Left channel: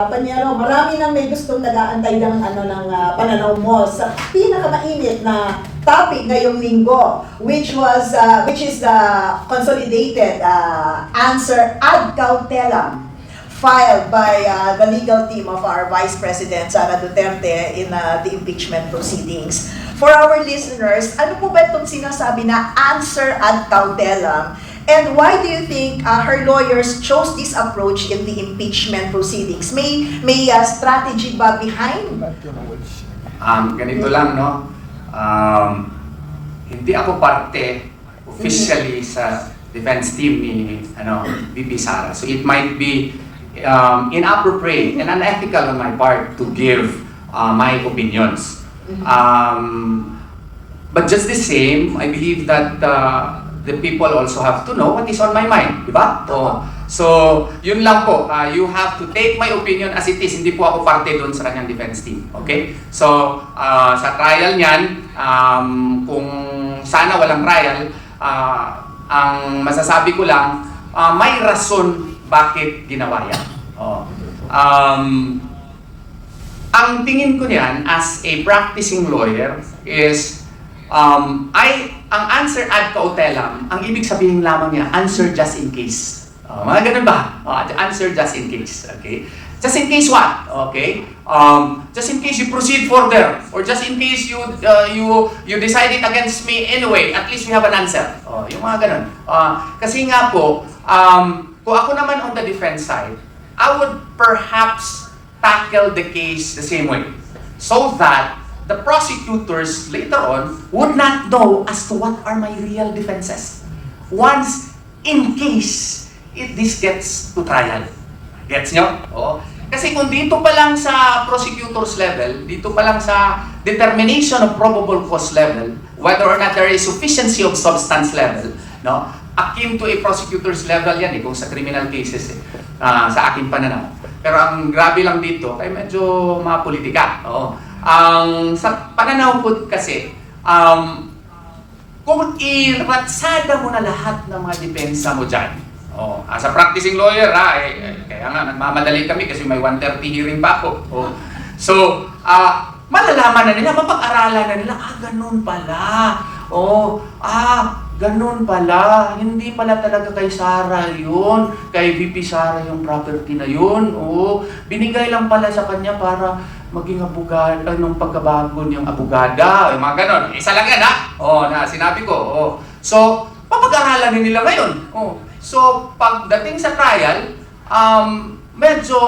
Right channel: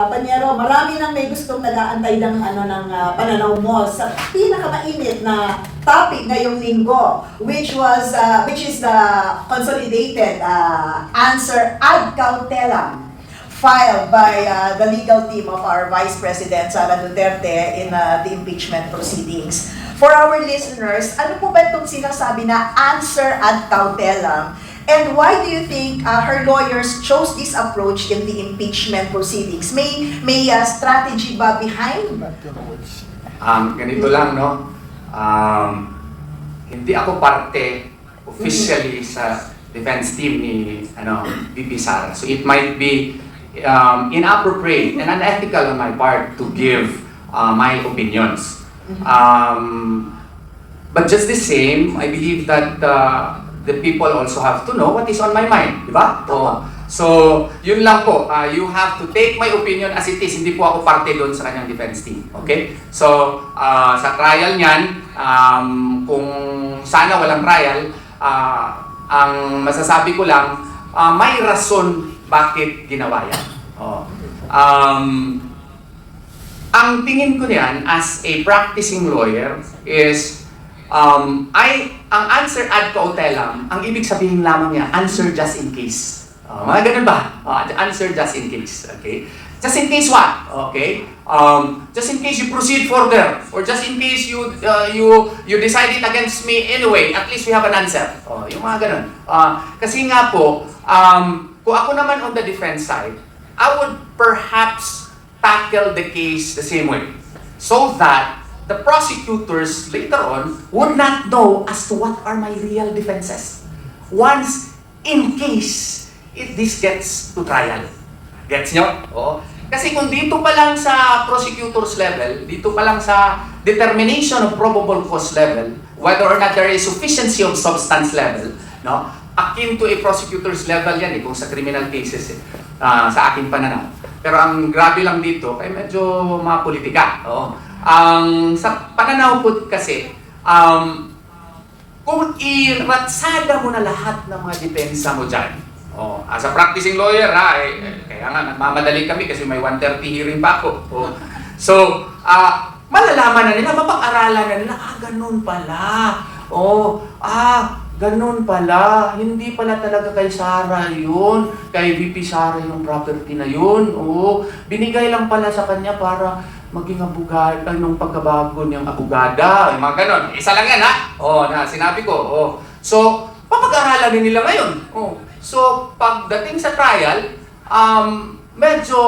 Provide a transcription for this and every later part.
Panyero, marami nang may gustong nag-aantay ng pananaw mo sa pinakamainit na topic ngayong linggo, which is the consolidated answer ad cautelam filed by the legal team of our Vice President Sara Duterte in the impeachment proceedings. For our listeners, ano po ba itong sinasabi na answer ad cautelam? And why do you think her lawyers chose this approach in the impeachment proceedings? May strategy ba behind? Ganito lang, no? Hindi ako parte officially sa defense team ni VP Sara. So it might be inappropriate and unethical on my part to give my opinions. But just the same, I believe that the people also have to know what is on my mind, di ba? So, yun lang po. You have to take my opinion as it is. Hindi po ako parte doon sa kanyang defense team. Okay? So, sa trial niyan, kung sana walang trial, ang masasabi ko lang, may rason bakit ginawa yan. Ang tingin ko niyan as a practicing lawyer is ang answer ad cautelam, ang ibig sabihin lamang niya, answer just in case. Mga ganun ba? Answer just in case. Okay? Just in case what? Okay? Just in case you proceed further, or just in case you decided against me anyway, at least we have an answer. Yung mga ganun. Kasi nga po, kung ako naman on the defense side, I would perhaps tackle the case the same way, so that the prosecutors later on would not know as to what are my real defenses once in case this gets to trial. Gets nyo? Kasi kung dito pa lang sa prosecutors level, dito pa lang sa determination of probable cause level, whether or not there is sufficiency of substance level, no? Akin to a prosecutor's level yan kung sa criminal cases sa aking pananaw. Pero ang grabe lang dito, ay medyo mga politika. Sa pananaw ko kasi, kung iratsada mo na lahat ng mga depensa mo dyan, as a practicing lawyer, kaya nga nagmamadali kami kasi may 1:30 hearing pa ako. So, malalaman na nila, mapag-aralan na nila, ganun pala. Ganun pala, hindi pala talaga kay Sara yun, kay VP Sara yung property na yun. Binigay lang pala sa kanya para maging abogada, ng pagkabago niyang abogada, yung mga ganon. Isa lang yan, na sinabi ko. So, papag-aralan nila ngayon. So, pagdating sa trial, medyo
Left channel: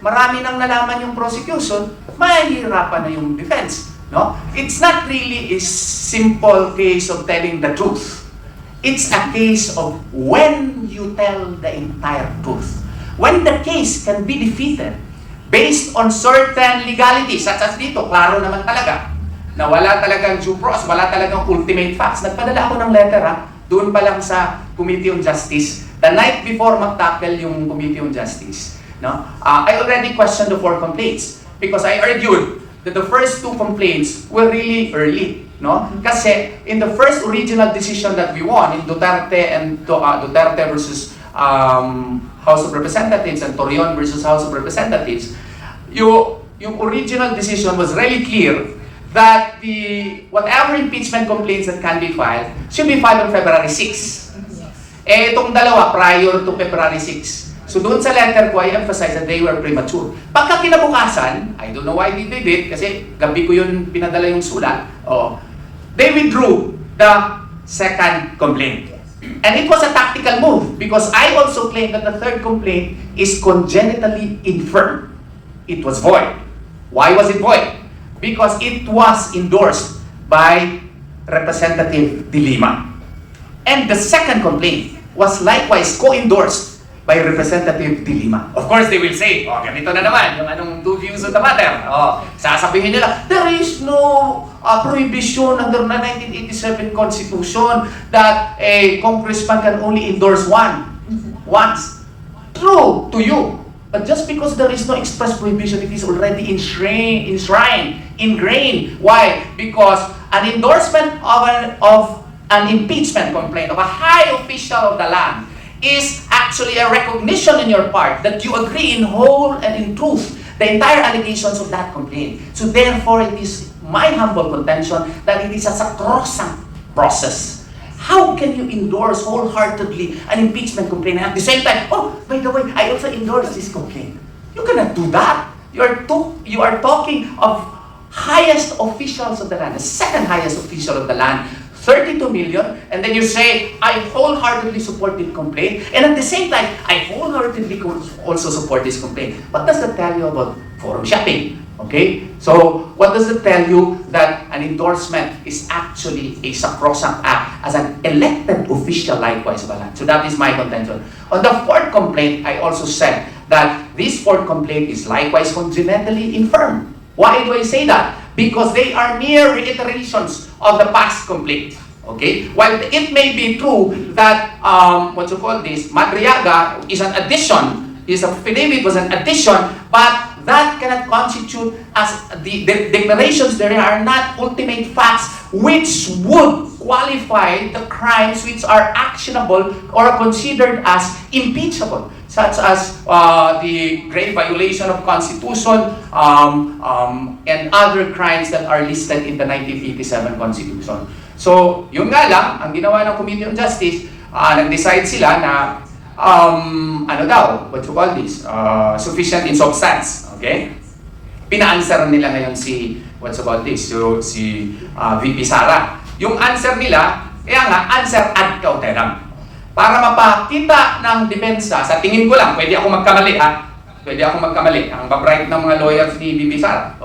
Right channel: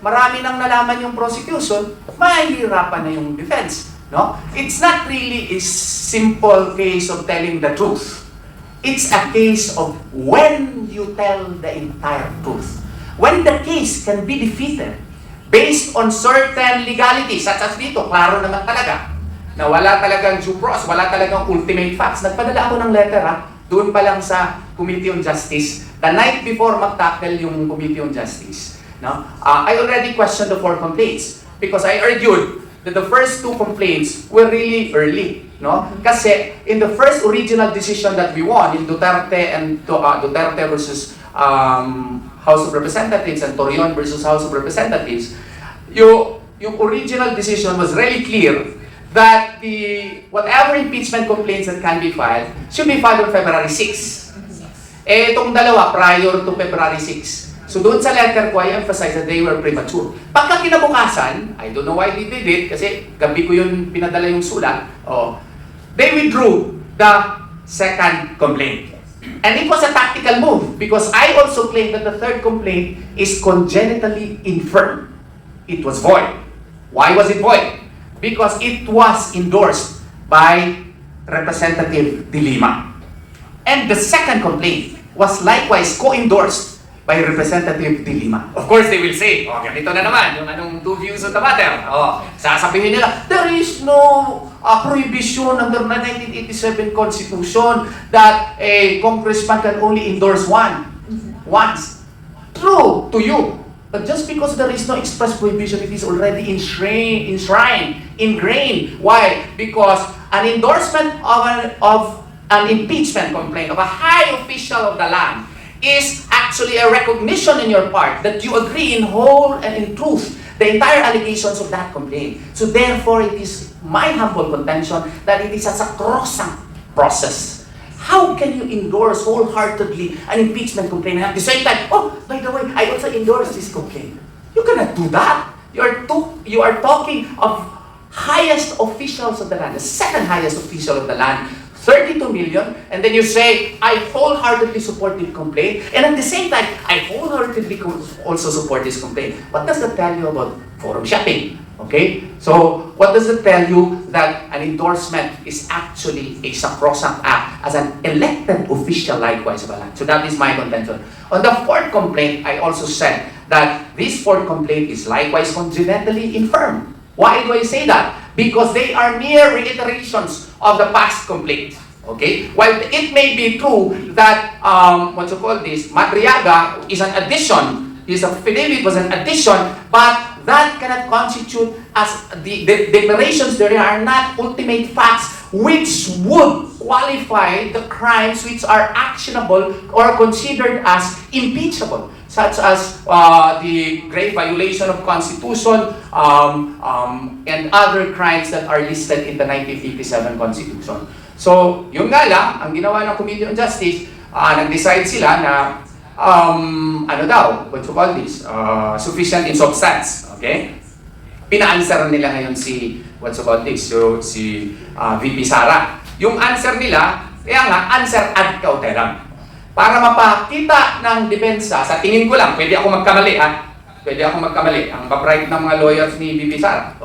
marami nang nalaman yung prosecution, mahihirapan na yung defense. No? It's not really a simple case of telling the truth. It's a case of when you tell the entire truth. When the case can be defeated based on certain legalities, such as dito, klaro naman talaga, na wala talagang due process, wala talagang ultimate facts. Nagpadala ako ng letter, doon pa lang sa Committee on Justice, the night before mag-tackle yung Committee on Justice. No? I already questioned the 4 complaints because I argued that the first 2 complaints were really early. No? Kasi in the first original decision that we won in Duterte and Duterte versus House of Representatives and Torion versus House of Representatives, yung original decision was really clear that whatever impeachment complaints that can be filed should be filed on February 6. Itong dalawa prior to February 6. So doon sa letter ko, I emphasize that they were premature. Pagka kinabukasan, I don't know why they did it, kasi gabi ko yun pinadala yung sulat, they withdrew the second complaint. And it was a tactical move because I also claim that the third complaint is congenitally infirm. It was void. Why was it void? Because it was endorsed by Representative De Lima. And the second complaint was likewise co-endorsed by Representative De Lima. Of course, they will say, ganito na naman, yung anong 2 views on the matter. Sasabihin nila, there is no prohibition under the 1987 Constitution that a congressman can only endorse once. True to you. But just because there is no express prohibition, it is already enshrined, ingrained. Why? Because an endorsement of an impeachment complaint of a high official of the land is actually a recognition in your part that you agree in whole and in truth the entire allegations of that complaint. So therefore, it is my humble contention that it is a sacrosanct process. How can you endorse wholeheartedly an impeachment complaint and at the same time, oh, by the way, I also endorse this complaint? You cannot do that. You are talking of highest officials of the land, the second highest official of the land, 32 million, and then you say, I wholeheartedly support this complaint, and at the same time, I wholeheartedly also support this complaint. What does that tell you about forum shopping? Okay? So, what does it tell you that an endorsement is actually a sacrosanct act as an elected official likewise of a land? So that is my contention. On the fourth complaint, I also said that this fourth complaint is likewise congenitally infirm. Why do I say that? Because they are mere reiterations of the past complaint. Okay? While it may be true that, Madriaga is an addition, his affidavit was an addition, but that cannot constitute as the declarations there are not ultimate facts which would qualify the crimes which are actionable or considered as impeachable, such as the grave violation of Constitution and other crimes that are listed in the 1957 Constitution. So, yung nga lang, ang ginawa ng Committee on Justice, nag-decide sila na sufficient in substance. Okay? Pina-answer nila ngayon si VP Sara. Yung answer nila, kaya nga, answer ad cautelam. Para mapakita ng depensa, sa tingin ko lang, pwede ako magkamali ha. Pwede ako magkamali. Ang babright ng mga lawyers ni VP Sara.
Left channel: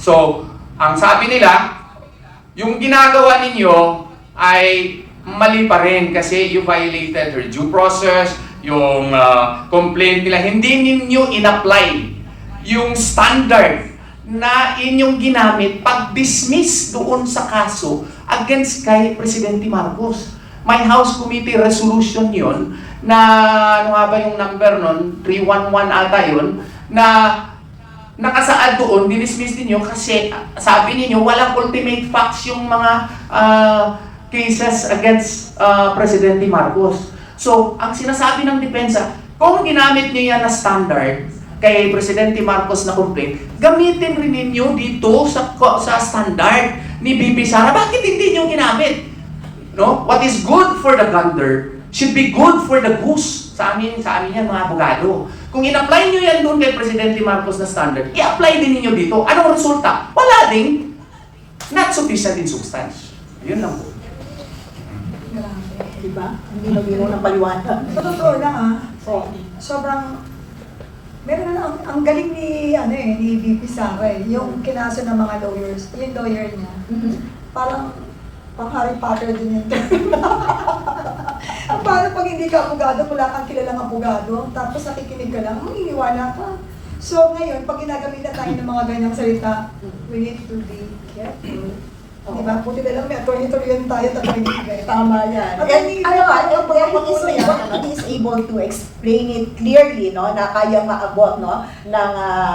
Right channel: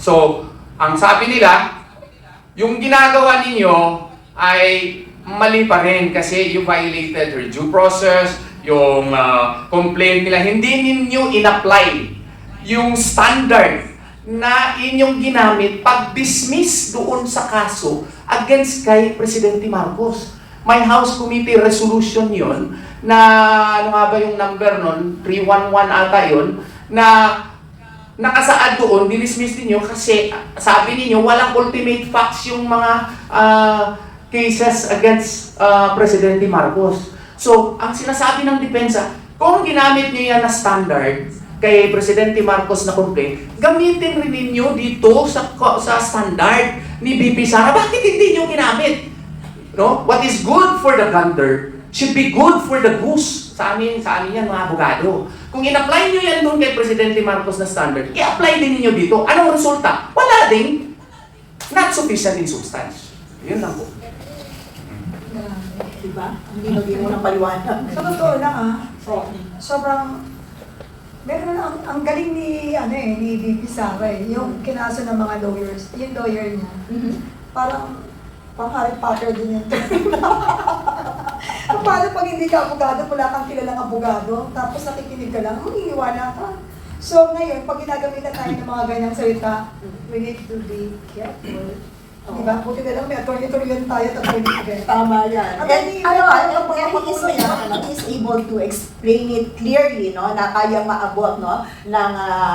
So, ang sabi nila, yung ginagawa ninyo ay mali pa rin kasi you violated her due process, yung complaint nila, hindi ninyo in-apply yung standard na inyong ginamit pag-dismiss doon sa kaso against kay Presidente Marcos. May House Committee resolution yon na, ano nga ba yung number nun? 311 ata yun, na nakasaad doon, dinismiss ninyo kasi sabi ninyo walang ultimate facts yung mga cases against Presidente Marcos. So, ang sinasabi ng depensa, kung ginamit niyo yan na standard kay Presidente Marcos na complaint, gamitin rin ninyo dito sa standard ni VP Sara. Bakit hindi niyo ginamit? No? What is good for the gander should be good for the goose. Sa amin yan mga abogado. Kung in-apply niyo yan doon kay Presidente Marcos na standard, i-apply din niyo dito. Anong resulta? Wala ding not sufficient in substance. Yun lang po. Diba? Ang bino-bino ng paliwanag. Sa totoo lang sobrang, meron na ang galing ni VP Sara yung kinaso ng mga lawyers, yung lawyer niya. Parang pang-Harry Potter din yun. Paano pag hindi ka abogado, wala kang kilalang abogado, tapos nakikinig ka lang, iniiwala ka. So ngayon, pag ginagamitan tayo ng mga ganyang salita, we need to be careful. Diba? Buti na lang may attorney-attorney tayo at Tama yan. And he is able to explain it clearly, no, na kayang maabot, no, ng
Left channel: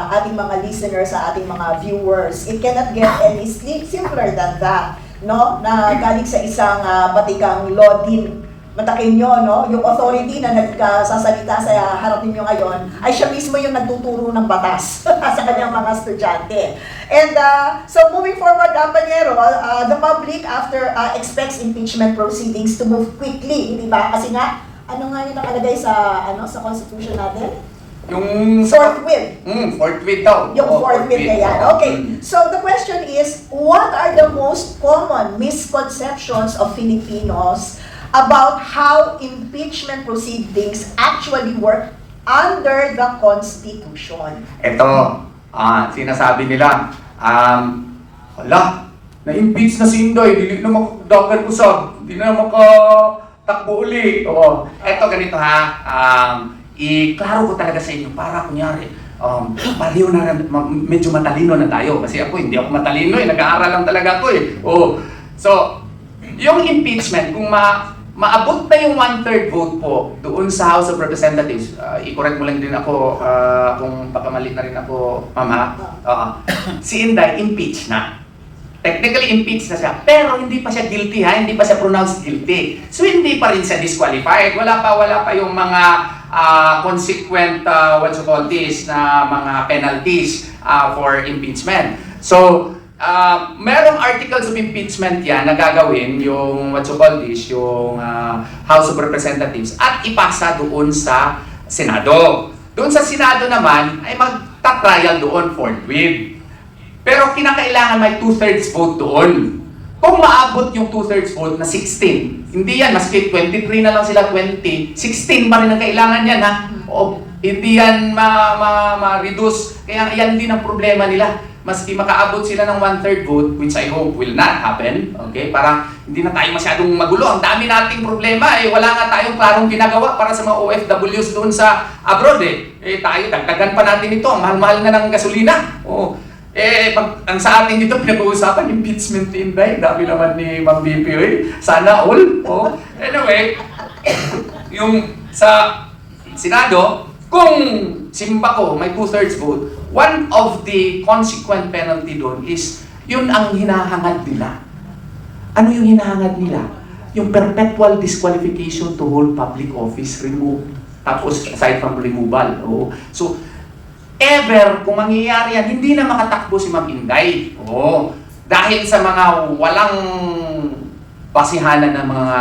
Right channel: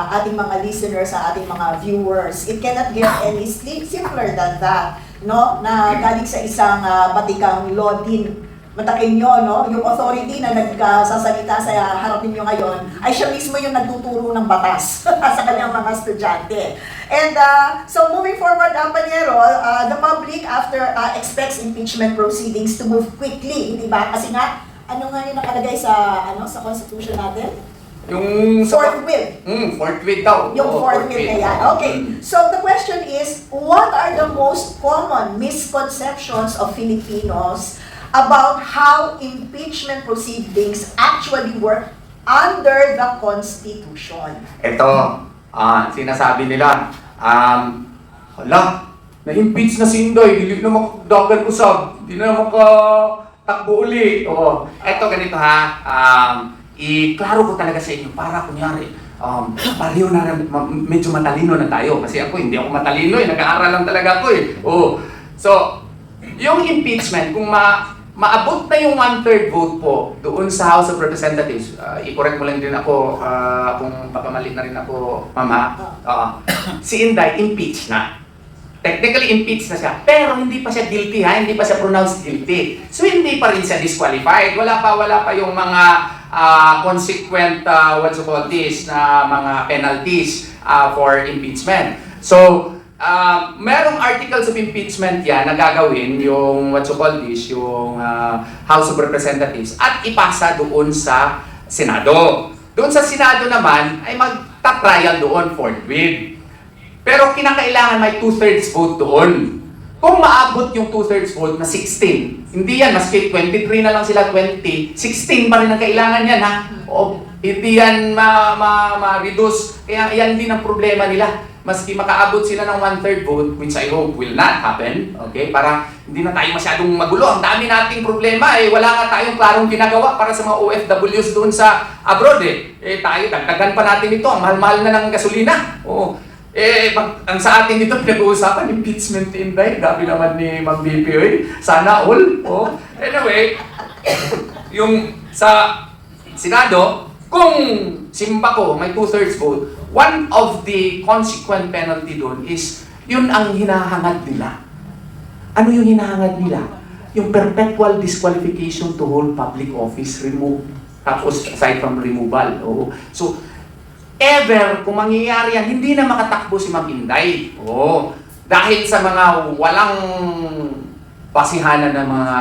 ating mga listeners, sa ating mga viewers. It cannot get any simpler than that, no, na galing sa isang batikang law din. Matakin nyo, no, yung authority na nagsasalita sa harap ninyo ngayon ay siya mismo yung nagtuturo ng batas sa kanyang mga estudyante. And so moving forward, Panyero, the public after expects impeachment proceedings to move quickly, di ba? Kasi nga, ano nga yung nakalagay sa sa Constitution natin? Yung forthwith. Forthwith daw. Yung forthwith kaya. Okay. So the question is, what are the most common misconceptions of Filipinos about how impeachment proceedings actually work under the Constitution? Ito, sinasabi nila, na-impeach na si Inday, hindi na makadagan usab, hindi na makatakbo uli. Ito ganito ha, i-klaro ko talaga sa inyo para kunyari, pareho na medyo matalino na tayo. Kasi ako, hindi ako matalino nag-aaral lang talaga ako So, yung impeachment, kung maabot na yung 1/3 vote po doon sa House of Representatives, i-correct mo lang din ako kung papamali na rin ako, Mama. Si Inday, impeach na. Technically, impeach na siya. Pero hindi pa siya guilty, hindi pa siya pronounced guilty. So, hindi pa rin siya disqualified. Wala pa yung mga consequent, na mga penalties for impeachment. So, merong articles of impeachment yan na gagawin yung yung House of Representatives at ipasa doon sa Senado. Doon sa Senado naman ay magta-trial doon forthwith. Pero kinakailangan may 2/3 vote doon. Kung maabot yung 2/3 vote na 16, hindi yan, maski 23 na lang sila, 20, 16 pa rin ang kailangan yan ha. O, hindi yan ma-reduce. Kaya yan din ang problema nila. Maski makaabot sila ng 1/3 vote, which I hope will not happen, okay? Para hindi na tayo masyadong magulo. Ang dami nating problema eh. Wala nga tayong klarong ginagawa para sa mga OFWs doon sa abroad eh. Tayo, dagdagan pa natin ito. Ang mahal-mahal na ng gasolina. Oh. Ang sa atin dito pinag-uusapan, impeachment Inday. Grabe naman ni Ma'am BP, eh. Sana all. Oh. Anyway, yung sa Senado, kung simpa ko may 2/3 vote, one of the consequent penalty doon is, yun ang hinahangad nila. Ano yung hinahangad nila? Yung perpetual disqualification to hold public office, remove. Tapos aside from removal. Oo. So, ever, kung mangyayari yan, hindi na makatakbo si Ma'am Inday. Oo. Dahil sa mga walang basihanan ng mga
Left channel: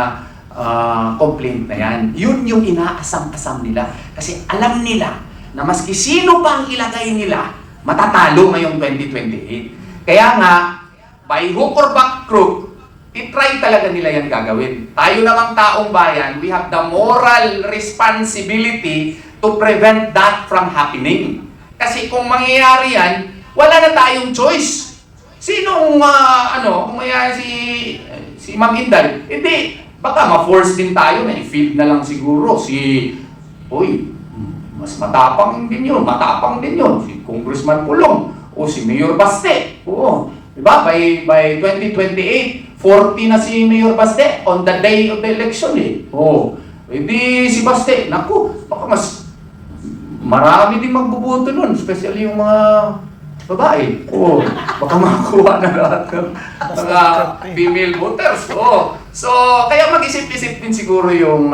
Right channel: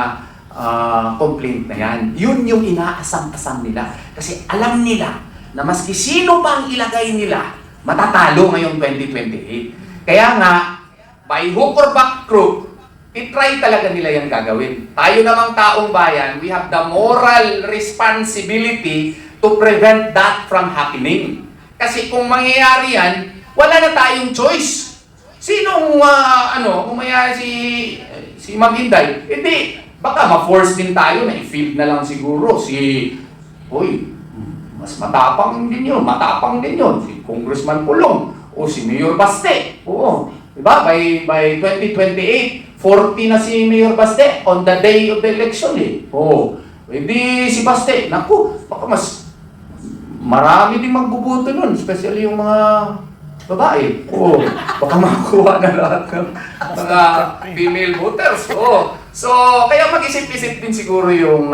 complaint na yan. Yun yung inaasam-asam nila. Kasi alam nila na maski sino pang ilagay nila, matatalo ngayong 2028. Kaya nga, by hook or back crook, itry talaga nila yan gagawin. Tayo namang taong bayan, we have the moral responsibility to prevent that from happening. Kasi kung mangyayari yan, wala na tayong choice. Sinong, kung mangyayari si Ma'am Inday, hindi, baka ma-force din tayo na i-field na lang siguro mas matapang din yun, si Congressman Pulong, o si Mayor Baste. Oo, diba? By 2028, 40 na si Mayor Baste on the day of the election eh. Oo, di si Baste, naku, baka mas marami din magbubuto nun, especially yung mga babae. Oo, baka makakuha na lahat ng mga female voters. Oo. So, kaya mag-isip-isip din siguro yung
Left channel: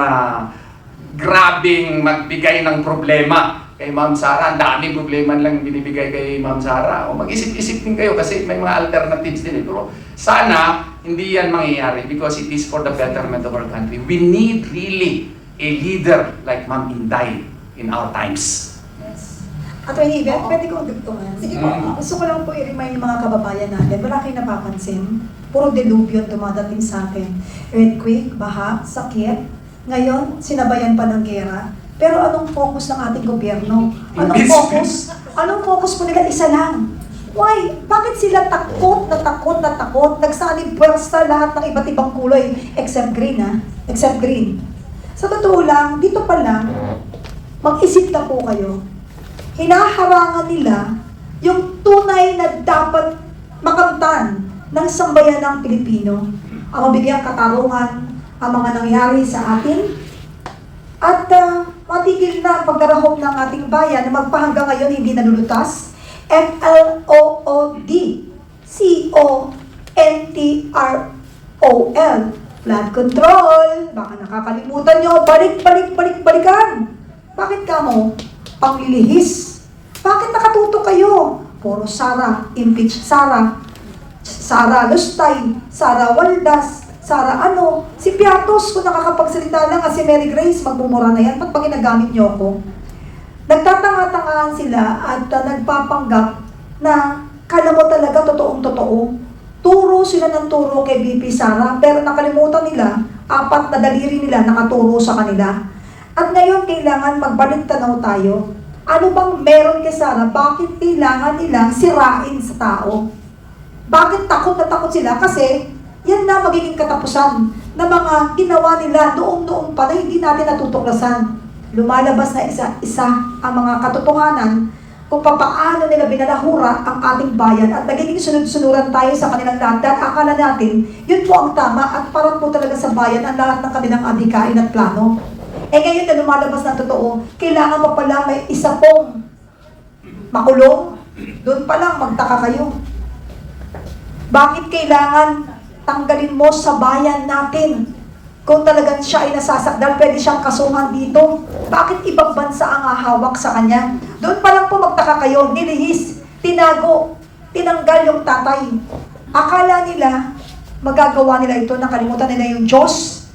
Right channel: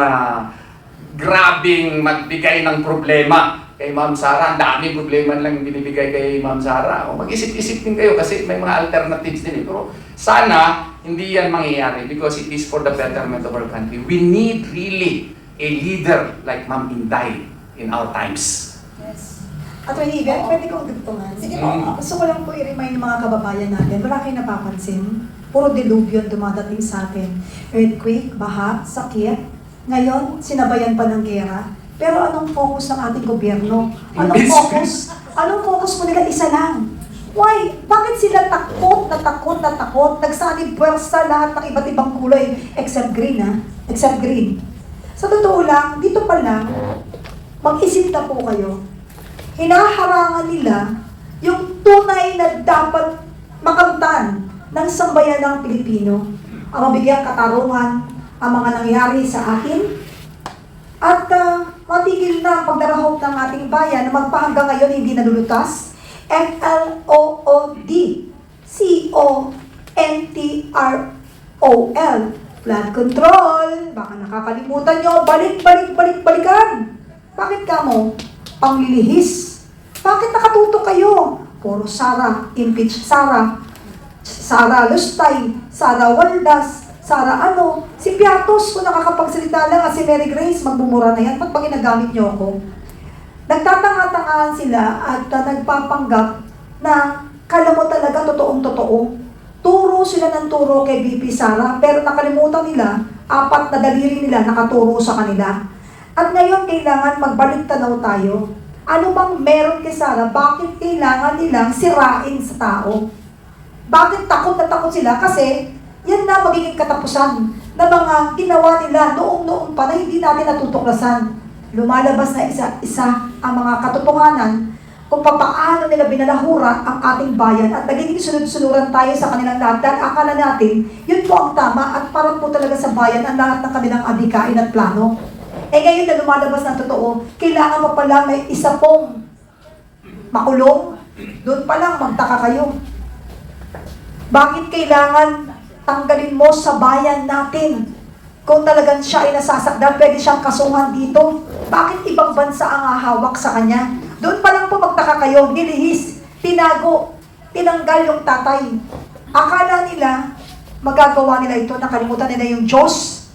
grabing magbigay ng problema kay Ma'am Sara. Ang daming problema lang binibigay kay Ma'am Sara. O mag-isip-isip din kayo kasi may mga alternatives din. Pero sana hindi yan mangyayari because it is for the betterment of our country. We need really a leader like Ma'am Inday in our times. Yes. Attorney Iben, pwede kong dugtungan. Sige po. Gusto ko lang po i-remind mga kababayan natin, wala kayong napapansin. Puro delubyo dumadating sa atin. Earthquake, baha, sakit. Ngayon, sinabayan pa ng gera. Pero anong focus ng ating gobyerno? Anong focus po nila? Isa lang. Why? Bakit sila takot na takot na takot? Nagsanib pwersa lahat ng iba't ibang kulay. Except green, ha? Except green. Sa totoo lang, dito pa lang, mag-isip na po kayo. Hinaharangan nila yung tunay na dapat makamtan ng sambayan ng Pilipino. Ang mabigyang katarungan, ang mga nangyari sa atin, at matigil na ang pagdarahong ng ating bayan na magpahanggang ngayon hindi nalulutas. FLOOD, CONTROL, flood control. Baka nakakalimutan nyo, balikan. Bakit ka mo? Panglilihis. Bakit nakatuto kayo? Puro Sara, impeach Sara, Sara Lustay, Sara Waldas, Sara si Piatos, kung nakakapagsalita lang, si Mary Grace, magbumura na yan. Ba't pag ginagamit niyo ako? Nagtatanga-tangahan sila at nagpapanggap na kala mo talaga totoong-totoo. Turo sila ng turo kay BP Sara, pero nakalimutan nila, 4 na daliri nila nakaturo sa kanila. At ngayon, kailangan magbalik tanaw tayo. Ano bang meron kay Sara? Bakit kailangan nilang sirain sa tao? Bakit takot na takot sila? Kasi yan na magiging katapusan ng mga ginawa nila noong pa na hindi natin natutuklasan. Lumalabas na isa-isa ang mga katotohanan kung paano nila binalahura ang ating bayan at nagiging sunod-sunuran tayo sa kanilang lahat. Akala natin, yun po ang tama at parang po talaga sa bayan ang lahat ng kanilang adhikain at plano. Ngayon na lumalabas na totoo, kailangan pa pala may isa pong makulong. Doon pa lang magtaka kayo. Bakit kailangan tanggalin mo sa bayan natin Kung talagang siya ay nasasakdal, pwede siyang kasuhan dito. Bakit ibang bansa ang hahawak sa kanya? Doon pa lang po magtaka kayo, nilihis, tinago, tinanggal yung tatay. Akala nila, magagawa nila ito, nakalimutan nila yung Diyos.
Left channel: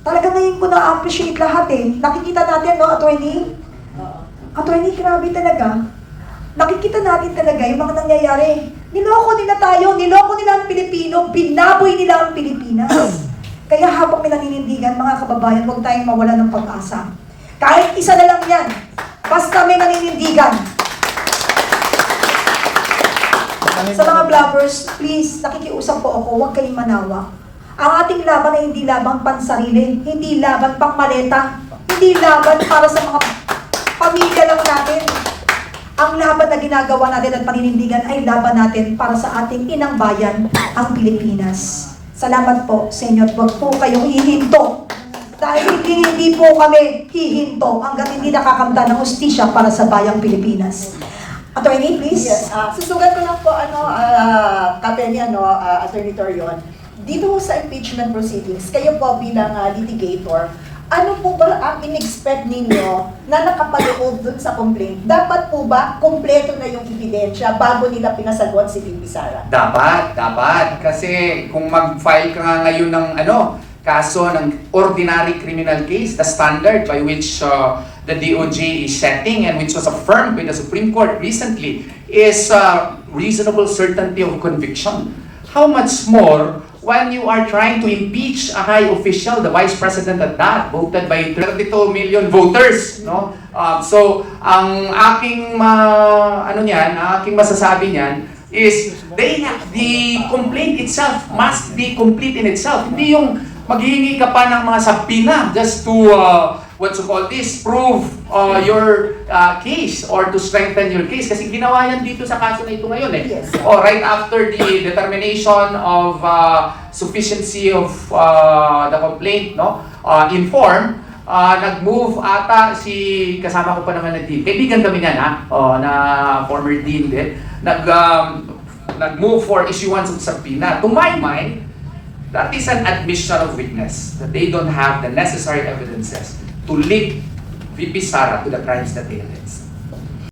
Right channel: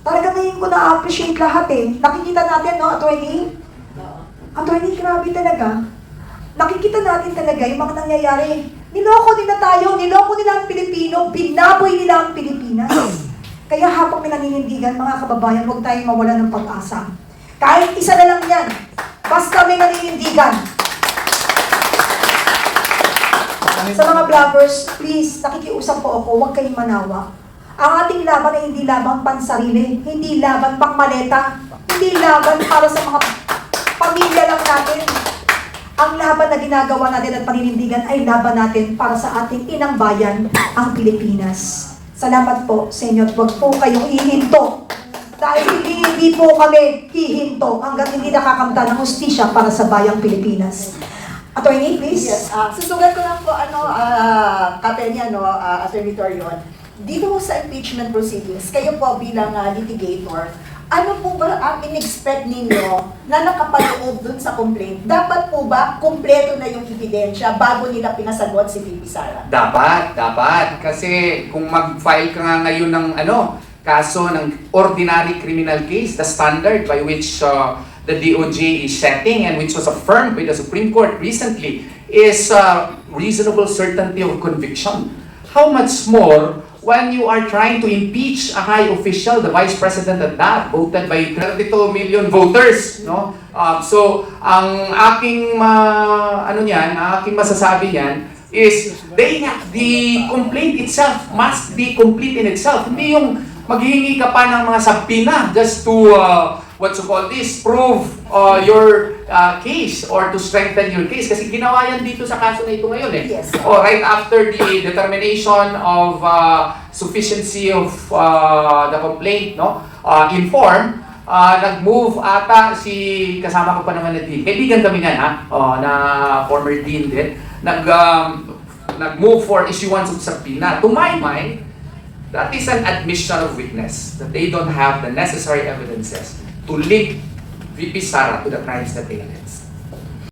Talaga ngayon ko na-appreciate lahat eh. Nakikita natin, no, attorney? Attorney, grabe talaga. Nakikita natin talaga yung mga nangyayari. Niloko nila tayo, niloko nila ang Pilipino, binaboy nila ang Pilipinas. Kaya habang may naninindigan, mga kababayan, huwag tayong mawala ng pag-asa. Kahit isa na lang yan, basta may naninindigan. Sa mga vloggers, please, nakikiusap po ako, huwag kayong manawa. Ang ating laban ay hindi laban pansarili, hindi laban pang maleta, hindi laban para sa mga pamilya lang natin. Ang laban na ginagawa natin at paninindigan ay laban natin para sa ating inang bayan, ang Pilipinas. Salamat po sa inyo at huwag po kayong hihinto. Dahil hindi po kami hihinto hanggang hindi nakakamta ng hustisya para sa bayang Pilipinas. Attorney, please. Yes, susugat ko lang po, Kapenya, Attorney Torion, dito po sa impeachment proceedings, kayo po bilang litigator, ano po ba ang in-expect ninyo na nakapaloob dun sa complaint? Dapat po ba kumpleto na yung ebidensya bago nila pinasagot si VP Sara? Dapat. Kasi kung mag-file ka nga ngayon ng kaso ng ordinary criminal case, the standard by which the DOJ is setting and which was affirmed by the Supreme Court recently is reasonable certainty of conviction. How much more when you are trying to impeach a high official, the Vice President at that, voted by 32 million voters, no? So, ang aking aking masasabi niyan is the complaint itself must be complete in itself. Hindi yung maghihingi ka pa ng mga sabina just to prove your case or to strengthen your case. Kasi ginawa yan dito sa kaso na ito ngayon eh. Yes. Right after the determination of sufficiency of the complaint, no, in form, nag-move ata kasama ko pa naman na dean. Kaibigan kami nga na former dean din. Nag-move for issuance of subpoena. To my mind, that is an admission of witness that they don't have the necessary evidences to link VP Sara to the crimes that they allege.